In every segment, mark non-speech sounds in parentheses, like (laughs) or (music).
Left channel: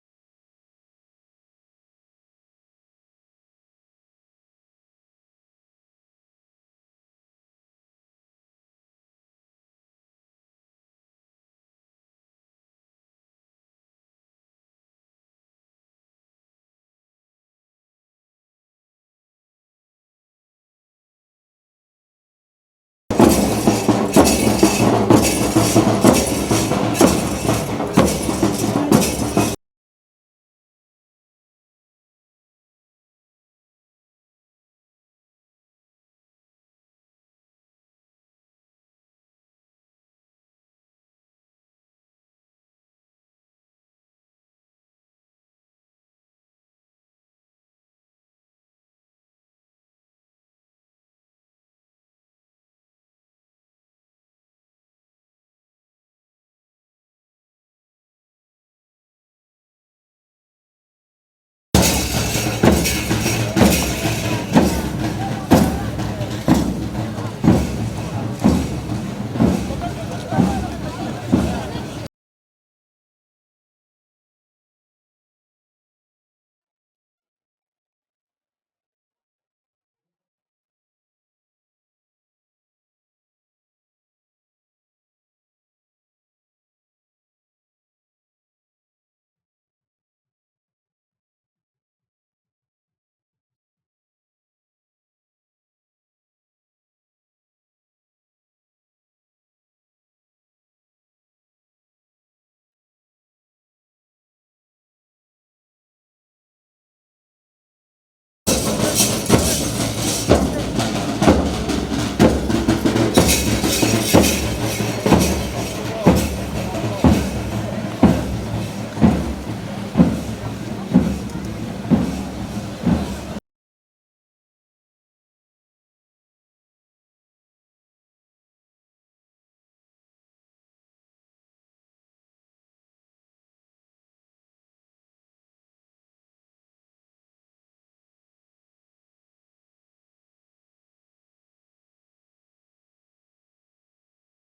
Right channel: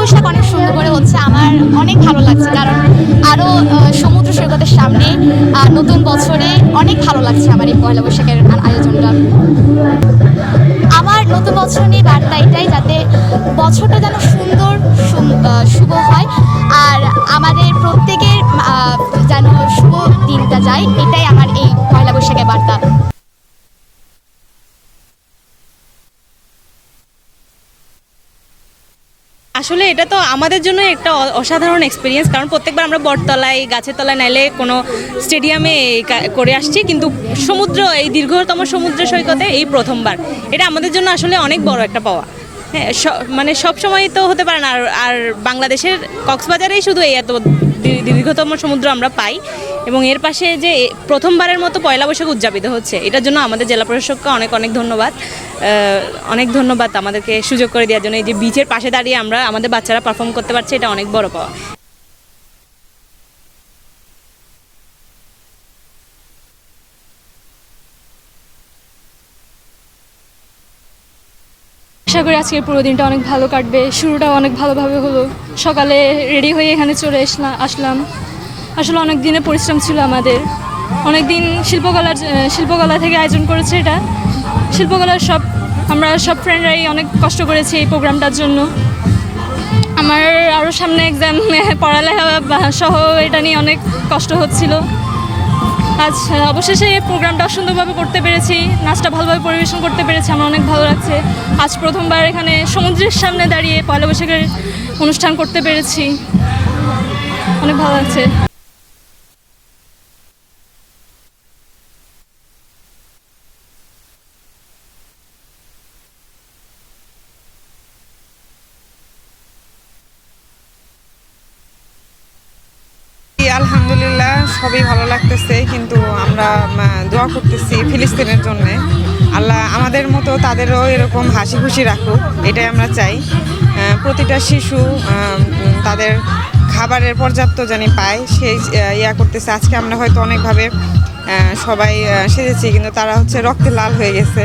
পোশাক অনেক সুন্দর করে হচ্ছে আমার অনেক ভালো লাগছে, কারণ আরও সমুদ্র সৈকতের সামনে নতুন বছরে অনেক ভালো লাগছে আমার এই পয়লা বৈশাখের আয়োজনটা। আমার নতুন বছর নিয়ে বার্তা এটাই, যাতে বছরটা যেন সুন্দর শুভ হয়, আর আমাদের প্রত্যেকের যেন শুভ দিনটা যায়, এটাই আমার এই আসলে এটা তো আমাদের জন্য একটা অসাধারণ এক্সপিরিয়েন্স কারণ প্রত্যেকবার আমরা বটতলায়, গাছের তলায় নাইলে কোনো স্টেডিয়ামে করে আসছি, কিন্তু সমুদ্র, এই দীর্ঘতম সমুদ্র সৈকতে এই প্রথমবার। এটা আমাদের জন্য আসলে অনেক বড় একটা পাওয়া। হ্যাঁ মানে সব সময় তো হতে পারে না, আর আর বাংলাদেশের কক্সবাজারেই শুধু এই এত দীর্ঘতম সমুদ্র আমরা পাই। এবং এর পাশে যে প্রথমবারের মতো পয়লা বৈশাখ উদযাপিত হচ্ছে, এটার জন্য আমাদের জেলা প্রশাসককে অনেক অনেক ধন্যবাদ। অনেক ধন্যবাদ আমাদেরকে সুযোগ করে দেওয়ার জন্য। এই যে বিচের পাশে দাঁড়িয়ে আমরা আমাদের বাচ্চারা পারফর্ম করতে পারছে, এটা অনেক বড় পাওয়া। আশা করি আজকের পুরো দিনটা অনেক ভালো কাটবে। শুরুটা অনেক ভালোভাবে হলো। সকালে রেডি হয়ে এখানে চলে আসলাম। আসলে অনেক দিনের পরিশ্রম ছিল আমাদের। অনেক দিন শিল্পকলার শিল্পকলা থেকে আয়োজন করেছে এটা। শিল্পকলার সব, আমরা সব ফ্রেন্ডরাই অনেক কষ্ট করেছি এই প্রোগ্রামটার জন্য। আমার আরও সামনে এক্সাম (laughs) পড়ালেখা সহ এটা নিয়ে অনেক কষ্ট হচ্ছিল। আজ অবশেষে এই প্রোগ্রামটা সুন্দরভাবে করতে পেরেছি, নাচটা ভালোভাবে পরিবেশন করতে পেরেছি, আমার অনেক ভালো লাগছে। আজ প্রথমবার এখানে সমুদ্রের সামনে দাঁড়িয়ে পয়লা বৈশাখের অনুষ্ঠান করতে পেরেছি। অনেক ভালো লাগছে। সবই ভালো লাগতেছে, কিন্তু আমরা দোয়া করতেছি ফিলিস্তিনের জন্য। আল্লাহ আমাদের মতো তাদেরও এরকম হাসি খুশি রাখুক, এটাই আমরা চাই। প্রতিটা শিশু তাদের খাবারের পর্যাপ্ত জানি পায় সেই ইয়া করতেছে। আজকে আমরা হয়তো অনেকভাবে সবাই সেজেছি, কিন্তু তারা হচ্ছে রক্তে লাল হয়ে গেছে।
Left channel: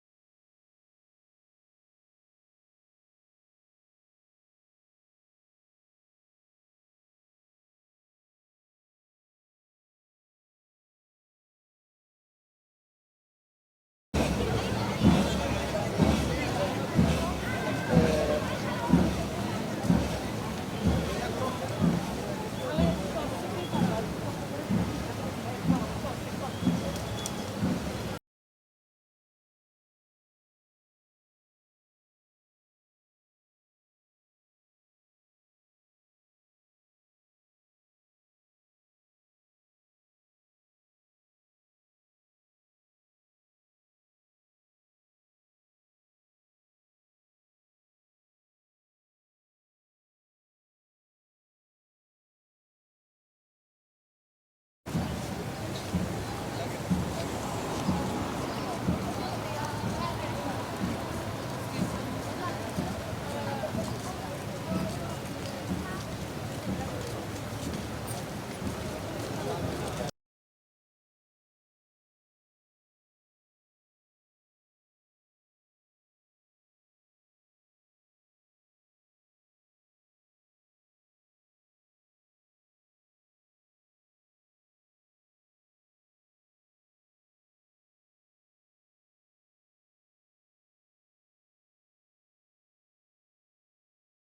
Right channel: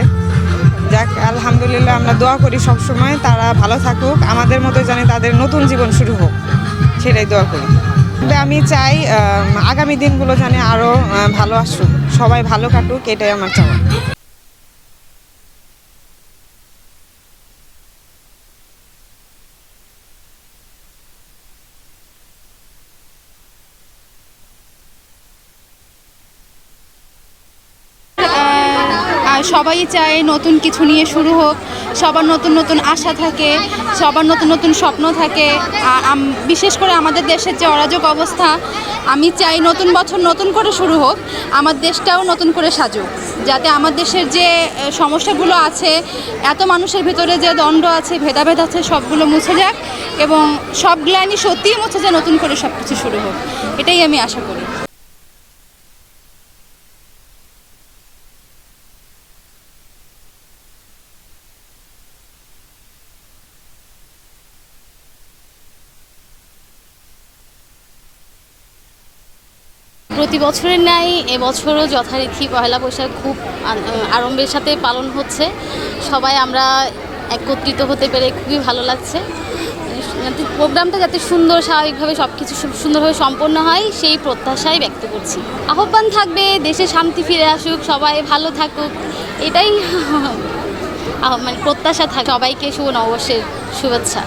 যাক, আলহামদুলিল্লাহ আমরা দোয়া করি সব সময় তারা ভালো থাকুক, আমাদের মতো জানি তাদের নতুন জীবন শুরু হোক, সেটাই দোয়া করি। আমি চাই আগামী দিনগুলো যেন আরও ভালো আসুক। সবাই ভালো কাটুক এটাই আমার চাওয়া আর সবাই চায় নতুন কিছু নিয়ে শুরু হোক, সবার নতুন নতুন আশা থাকে, সবার নতুন নতুন স্বপ্ন থাকে। বিশেষ করে আমাদের দেশের যে অরাজক অবস্থা, আমি চাই নতুন বছর নতুন করে শুরু হোক, আমার দেশটাও নতুন করে সাজুক। যাতে আমার দেশের যে সমস্যাগুলো আছে, এত মানুষের ভিতরে যে দণ্ড আছে, ভেদাভেদ আছে, সবগুলো মুছে যাক এবং সব গ্লানি সত্যিই মুছে যায় নতুন করে সব কিছু শুরু হোক। এটাই আমি আশা করি। প্রতি বছরের ন্যায় এবছরও যথারীতি পয়লা বৈশাখ খুব আড়ম্বরের সাথে পালন হচ্ছে। সবাই আমরা একত্রিত হতে পেরে খুবই ভালো লাগছে। প্রোগ্রামটা যাতে সুন্দর, স্বাভাবিকভাবে সব কিছু সুন্দরভাবে সম্পন্ন হয়, সেই প্রত্যাশাই ব্যক্ত করছি। আহ্বান থাকবে, দেশে শান্তি ফিরে আসুক, সবাই ভালো থাকুক। এটাই মানে প্রত্যাশা থাকে। সবাইকে শুভ নববর্ষের শুভেচ্ছা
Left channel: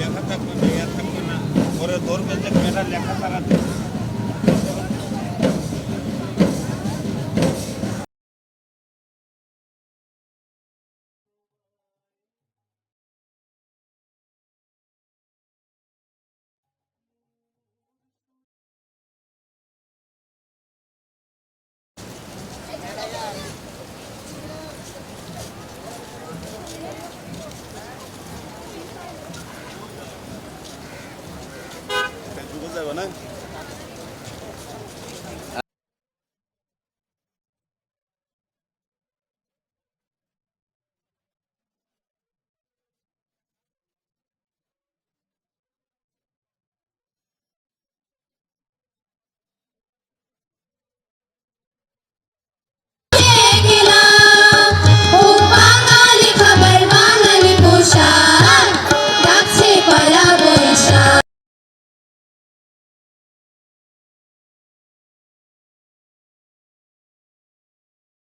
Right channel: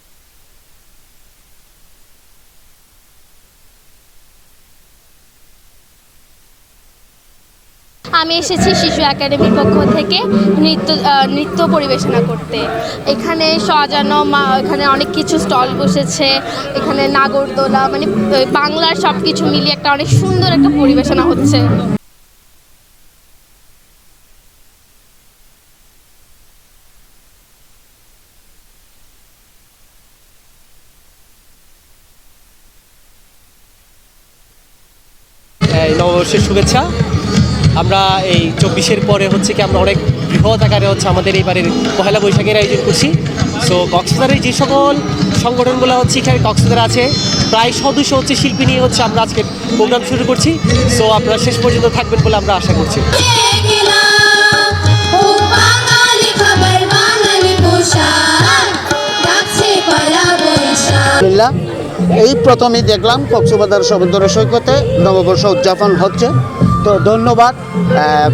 লেখা থাকবে না ইয়া থাকবে না পরে ধরবে যে মেয়েরা লেখা চালাতে আমি এসেছি শিশু একাডেমির পক্ষ থেকে নৃত্য নৃত্য পরিবেশনা করতে। এখানে সাজানো, মা, এখানে অনেক কিছু স্টল বসেছে, এখানে নাগরদোলা মানে বাংলার সব কিছু মিলিয়ে একটা অনেক সুন্দর একটা পরিবেশনা হচ্ছে। নববর্ষের শুভেচ্ছা। আমরা এই চব্বিশের পরে হচ্ছে কি আমরা অনেক বৃহৎ আকারে হচ্ছে আমাদের এইবারের পহেলা বৈশাখের আয়োজন করছি। সো কক্সবাজারের যে সকল সংগঠনগুলো হচ্ছে এখানে কক্সবাজার আছে, প্রায় সদস্য হচ্ছে শিল্পী নিয়ে হচ্ছে আমরা আজকে প্রোগ্রাম শুরু করছি। সো আপনারা শেষ পর্যন্ত থাকবেন বলে আমরা আশা করছি। এই প্রথমেই দেখলাম কক্সবাজার সমুদ্র সৈকতে নববর্ষ উদযাপন হচ্ছে। তো ধন্যবাদ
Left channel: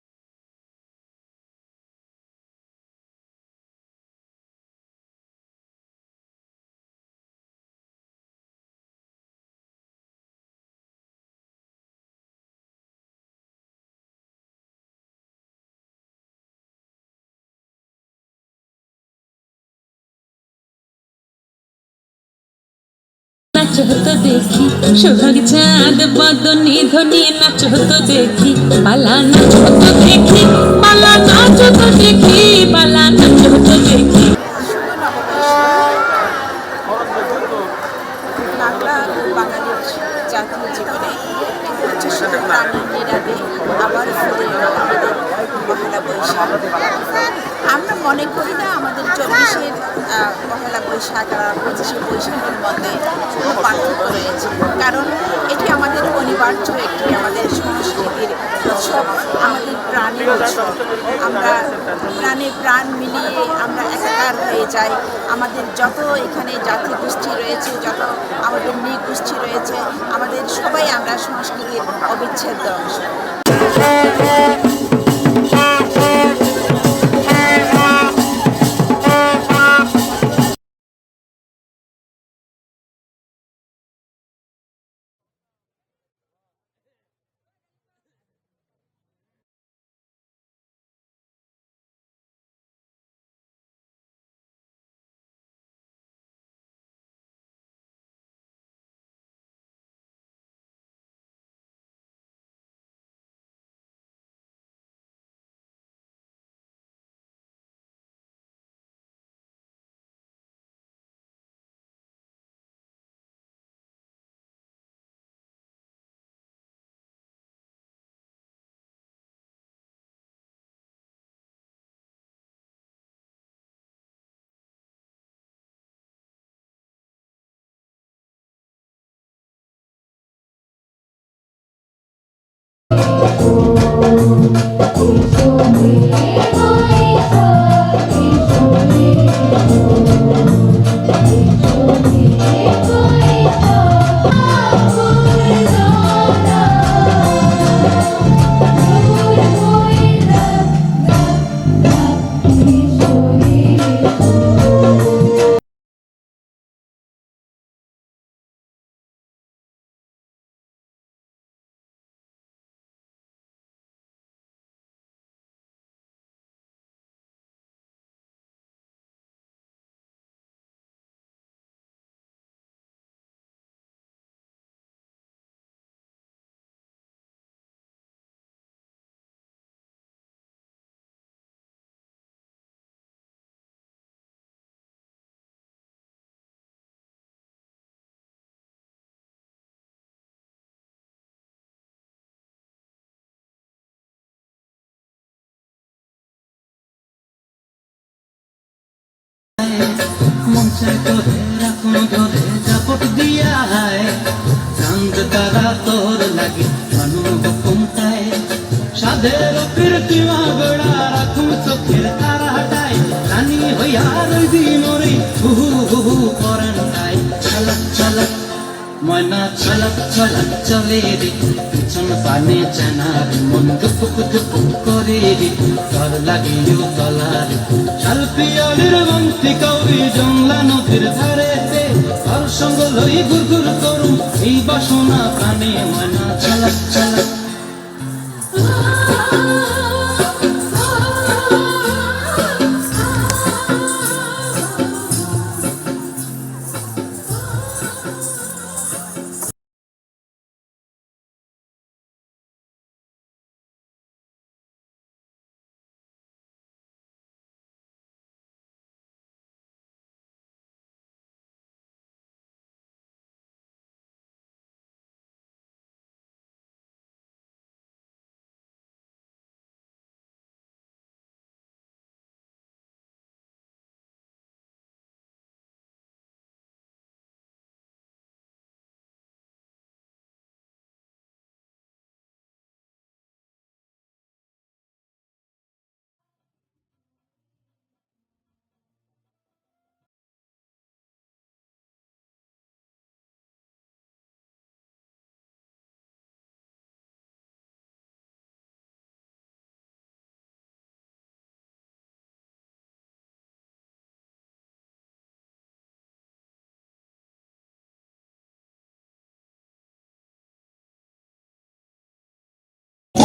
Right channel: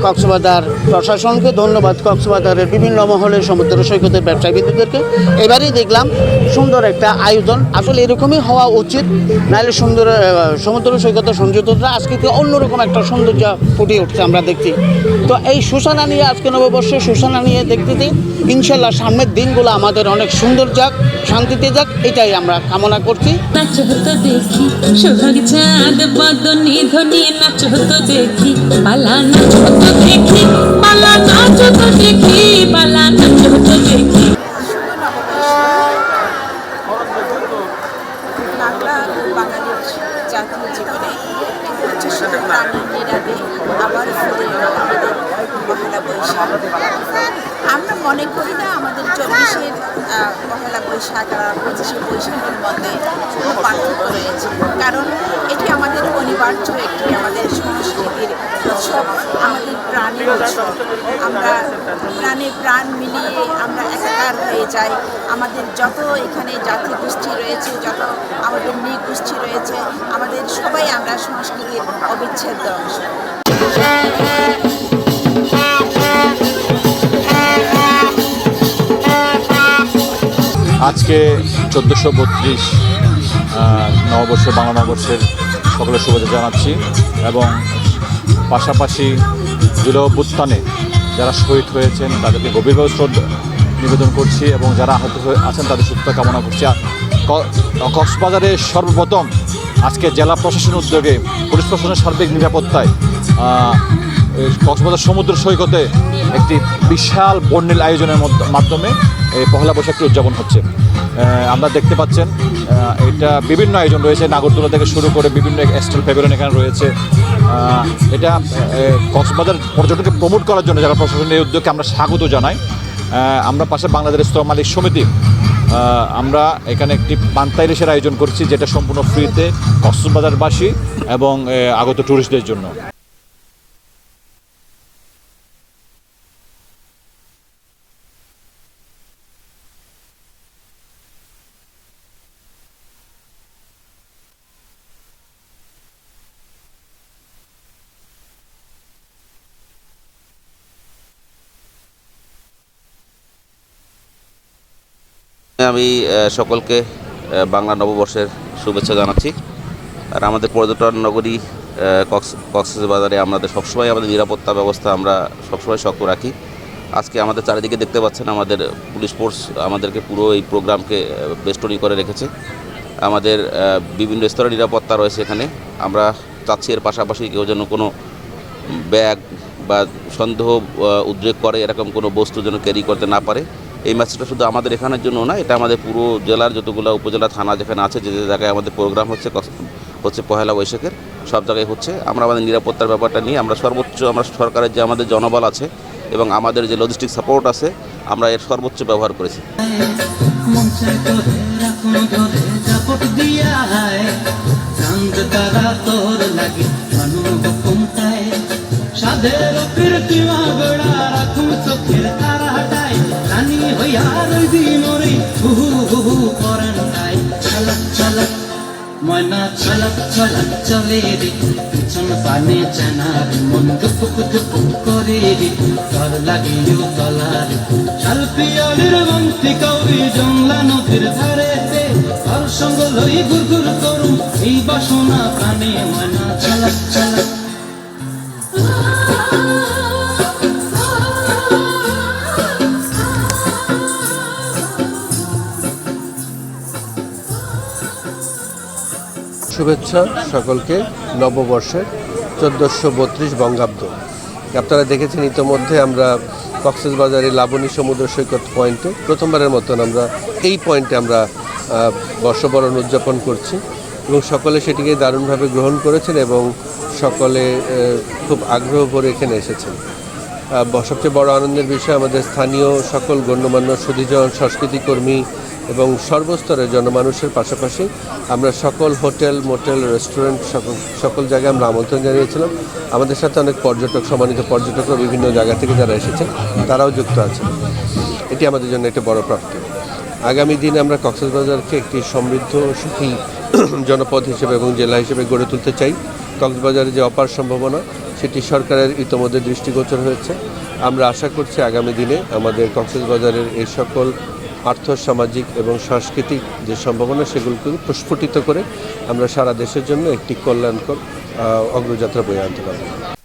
কক্সবাজার প্রশাসনকে, ধন্যবাদ কক্সবাজারের বিভিন্ন মহলের সমুদ্র সৈকতের ব্যবসায়ীদেরকে এবারেই দেখলাম সুন্দর একটা আয়োজন। আসলে এরকমই হওয়া উচিত, নাহলে সুন্দর সমুদ্র সৈকতের সংযুক্ততা আজকে অন্যরকম একটা সৌন্দর্য ফুটে উঠছে আমরা দেখছি। তো এই সুসানা নিয়ে আজকে নববর্ষে সুসানা নিয়ে দেখতেছি ইনশাল্লাহ সামনের দিনগুলো আমাদের অনেক সুন্দর যাক। শান্তিতে যাক এটাই আমরা কামনা করছি। নাচ হতো দেখি সোহাগ চাঁদ বদনি ধনি নাচ হতো দেখি পালা নাচ হতো দেখি পালা নাচ হতো দেখি পালা নাচ হতো দেখি। বাংলা বাঙালির জাতীয় জীবনে হচ্ছে শুধু প্রাণীর আবার ফিরে আমাদের পহেলা বৈশাখ। মনে করি না, আমাদের চব্বিশের পহেলা বৈশাখ আর পঁচিশে বৈশাখের মধ্যে কোনো পার্থক্য রয়েছে। কারণ এটি আমাদের অনিবার্য একটি আমাদের সংস্কৃতির উৎসব, আমাদের প্রাণের উৎসব। আমরা প্রাণে প্রাণ মিলিয়ে আমরা একাকার হয়ে যাই। আমাদের যত এখানে জাতি গোষ্ঠী রয়েছে, যত আমাদের নৃগোষ্ঠী রয়েছে, আমাদের সবাই আমরা সংস্কৃতির অবিচ্ছেদ্য অংশ। আজকে চোদ্দোশো বত্রিশ নববর্ষ, বাংলা নববর্ষের সকলের শুভেচ্ছা জানাচ্ছি এবং পাশাপাশি জুলাই যারা শহীদ হয়েছেন, তাদেরকে গভীরভাবে শ্রদ্ধা নিবেদন করছি এবং যারা আহত হয়ে আছেন, তাদের সুস্থতা কামনা করছি। কক্সবাজারে সর্বপ্রথম আজকে জেলা প্রশাসনের উদ্যোগে, পুলিশ প্রশাসনের সার্বিক নিরাপত্তায় কক্সবাজার সমুদ্র সৈকতে একটি বিশাল বর্ণিল আয়োজনের মাধ্যমে এই পহেলা বৈশাখটি উদযাপন হচ্ছে। আমরা দেখতে পাচ্ছেন এটা বিভিন্ন আয়োজন রয়েছে। নাগরদোলা থেকে শুরু করে বিভিন্ন স্টল প্যাভিলিয়ন এখানে রয়েছে। এটা কক্সবাজার পর্যটনকে প্রমোট করার জন্য যারা প্রশাসনের উদ্যোগকে আমরা স্বাগত জানাই। আমরা পাশে বাংলাদেশ স্তর মালিক সমিতি। আমরা এখানে একটি পান্তাই রেসের আয়োজন করছি, যেটা সম্পূর্ণ ফ্রিতে কক্সবাজারবাসী এবং আগত ট্যুরিস্টদের জন্য। সকলকে বাংলা নববর্ষের শুভেচ্ছা জানাচ্ছি। আর আমাদের পর্যটন নগরী কক্স, কক্সবাজারে আমাদের সবসময় আমাদের নিরাপত্তা ব্যবস্থা আমরা সবসময় শক্ত রাখি। আজকে আমাদের চারিদিকে দেখতে পাচ্ছেন আমাদের পুলিশ ফোর্স আমাদেরকে পুরো এই প্রোগ্রামকে বেষ্টনী করে রেখেছে। আমাদের বিভিন্ন স্তরের নিরাপত্তা রয়েছে এখানে। আমরা চাচ্ছি এর পাশাপাশি কেউ যেন কোনো ব্যাগ বা সন্দেহ উদ্রেক করে এরকম কোনো বস্তু যেন ক্যারি করতে না পারে। এই ম্যাচটা শুধু আমাদের এখানের জন্য না, এটা আমাদের পুরো জেলার যতগুলো উপজেলা, থানা যেখানে আছে, যে যে জায়গায় আমাদের প্রোগ্রাম হচ্ছে হচ্ছে পহেলা বৈশাখের, সব জায়গায় হচ্ছে। আমরা আমাদের নিরাপত্তার ব্যাপারটা নিয়ে আমরা সর্বোচ্চ, আমরা সরকারের যে আমাদের জনবল আছে এবং আমাদের যে লজিস্টিক সাপোর্ট আছে, আমরা এর সর্বোচ্চ ব্যবহার করেছি। সাধের কীর্তিমা গোড়া রাখুন চোখের ময়না ছলক ছলক চলে রে। পিছন পানে চেনার মন দুপুক দুপুক করে রে। তর লাগে তলার শাল মন্তি কৌরি জংলা নদীর ধারে তার সঙ্গ লই গুর গুর করুম এই বাসনা প্রাণে ময়না ছলক ছলক শুভেচ্ছা সকলকে নববর্ষের চোদ্দোশো বত্রিশ বঙ্গাব্দ। আপনারা দেখেছেন ইতোমধ্যে আমরা কক্সবাজারের লাবণী সমুদ্র সৈকত পয়েন্টে প্রথমবারের মতন আমরা এই পয়েন্টে আমরা বর্ষবরণ উদযাপন করছি এবং সকলে সেটিকে দারুণভাবে গ্রহণ করেছেন এবং সকলে খুব আগ্রহ ভরে এখানে এসেছেন। সবচেয়ে বড় আনন্দের বিষয় আমাদের স্থানীয় সকল গণ্যমান্য সুধীজন সংস্কৃতি কর্মী এবং সর্বস্তরের জনমানুষের পাশাপাশি আমরা সকল হোটেল, মোটেল, রেস্টুরেন্ট, সকল সকল জায়গায় আমরা আমন্ত্রণ জানিয়েছিলাম। আমাদের সাথে অনেক পর্যটক, সম্মানিত পর্যটকরা বিভিন্ন জায়গা থেকে যারা এসেছেন, তারাও যুক্ত আছেন। এটি আমাদের জন্য একটা বড় প্রাপ্তি। আগামী দিনে আমরা কক্সবাজারকে একটি সমৃদ্ধ, সুখী (clears throat) জনপদ হিসেবে এবং জেলা হিসেবে গড়ে তুলতে চাই। কক্সবাজারে যে অপার সম্ভাবনা, সেটি সরকারের ইতোমধ্যে দৃষ্টিগোচর হয়েছে। আমরা আশা করছি আগামী দিনে আমাদের কক্সবাজারের এই সকল আর্থ, সামাজিক এবং সাংস্কৃতিক যে সম্ভাবনা, সেগুলোকে প্রস্ফুটিত করে আমরা সারা দেশের জন্য একটি কল্যাণকর অগ্রযাত্রা বয়ে আনতে পারব।